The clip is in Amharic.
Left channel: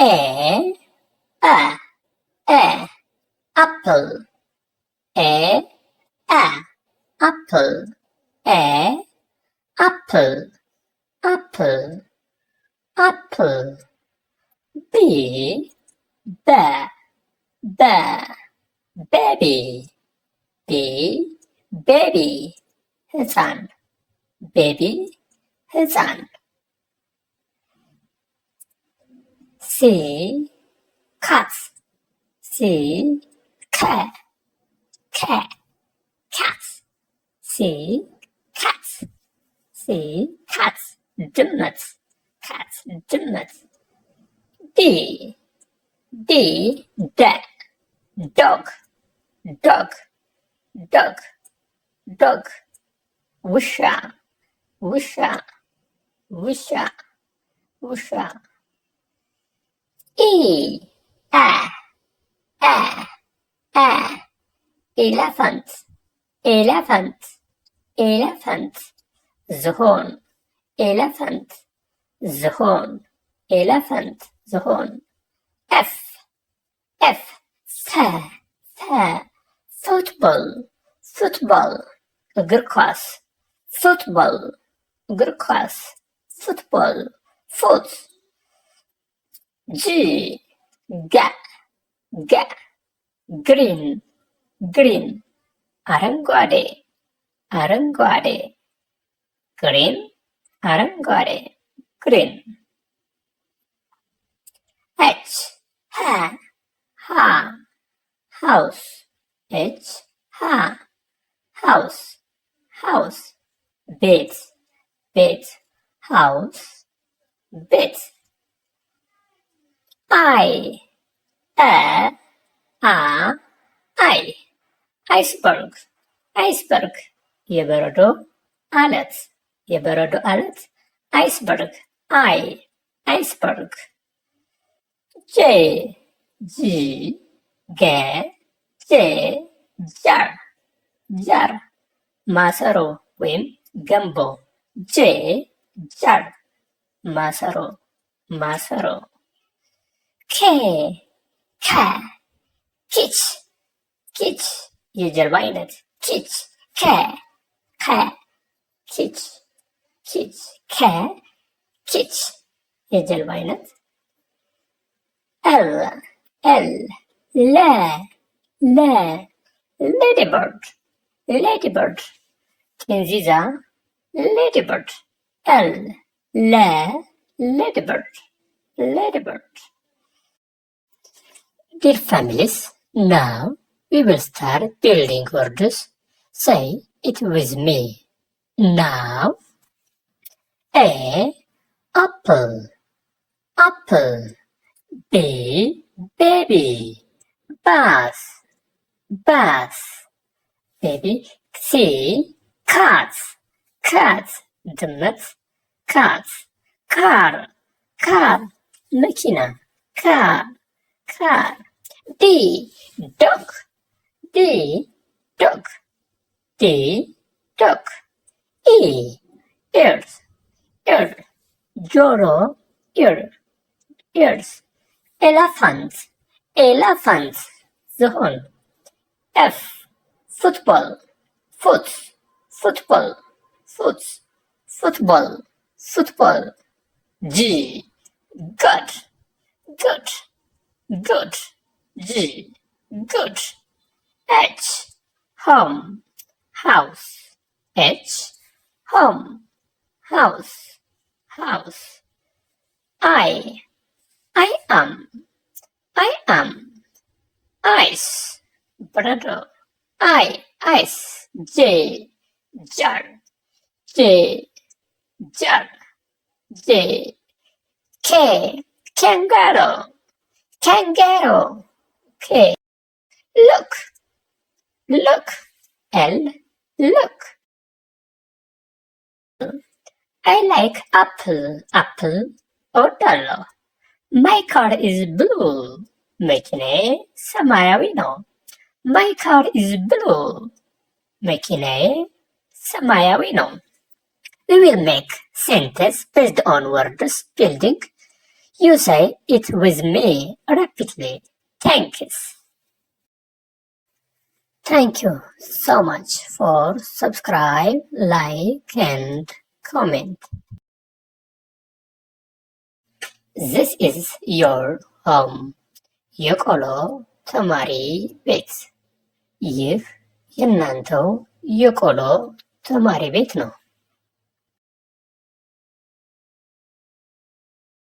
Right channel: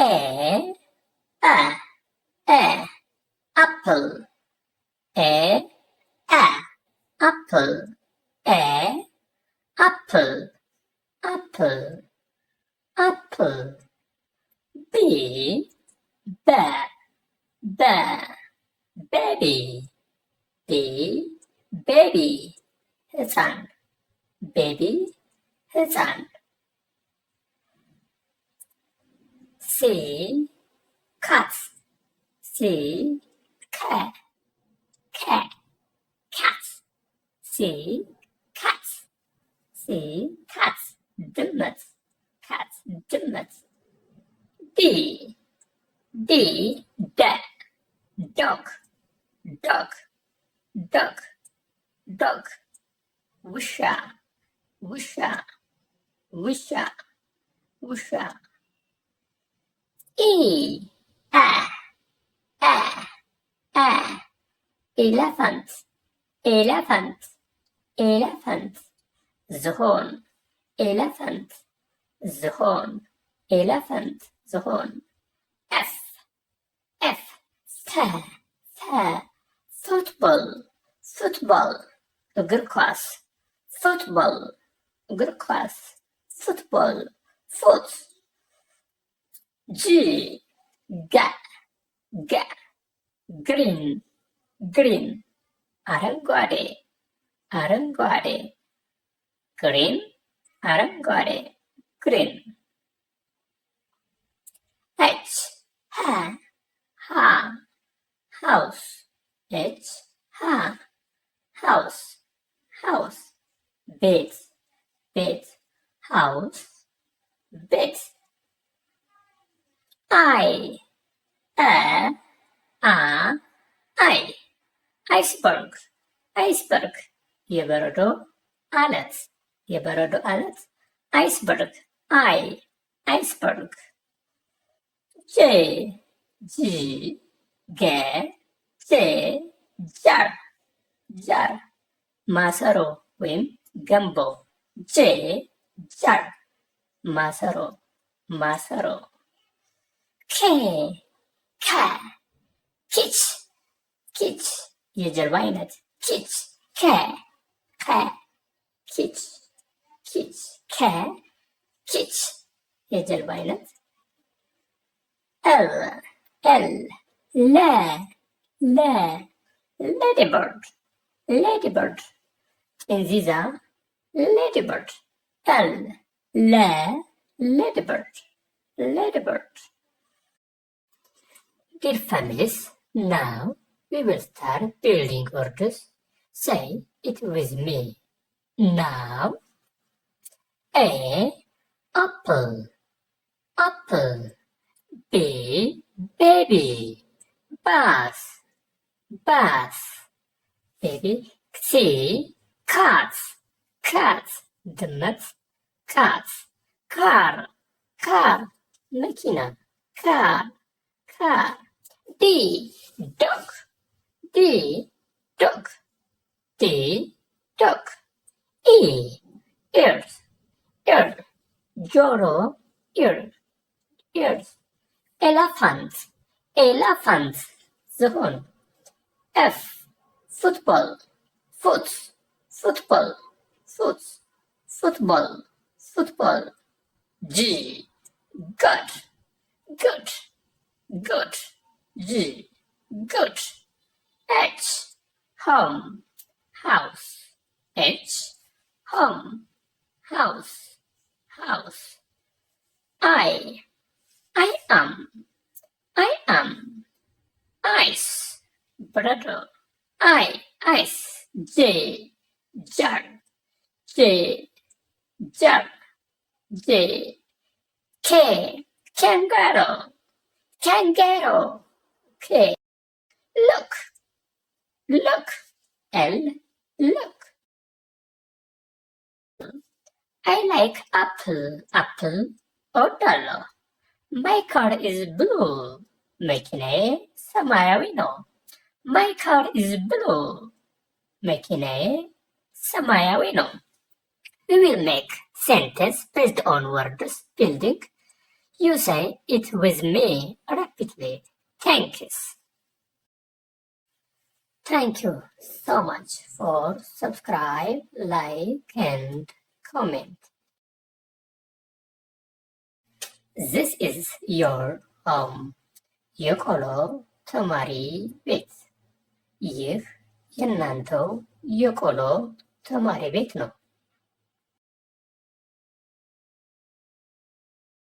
A apple. A apple. A apple. Apple. Apple. B baby. B baby. ሕፃን baby ሕፃን C cat. C cat. Cat. C cat. C cat. ድመት cat ድመት D dog. ውሻ E elephant. ዝሆን elephant. F football. እግር ኳስ football. Foot. G green. አረንጓዴ green. H house. House. Bed. House. Bed. iceberg. የበረዶ አለት iceberg. iceberg. jar. ማሰሮ ወይም ገንቦ jar. ማሰሮ kitch. የጀልባ አይነት kitch. የጀልባ አይነት ladybird. ጥንዚዛ ladybird. ladybird. Dear families, now we will start building words. Say it with me. Now, A apple. B baby. Bath. Baby. C cat. ድመት cat. car መኪና car. D dog. E ears. ጆሮ ears. elephant. ዝሆን F football. Football. G good. G good. H home. House. I am. Ice. Brother. Ice. J jar. K kangaroo. K look. L look. I like apple. እወዳለሁ። My car is blue. መኪናዬ ሰማያዊ ነው። My car is blue. መኪናዬ ሰማያዊ ነው። We will make sentence based on words building You say it with me rapidly. Thanks. Thank you so much for subscribe, like and comment. This is your home. የቆሎ ተማሪ ቤት። ይህ የእናንተው የቆሎ ተማሪ ቤት ነው።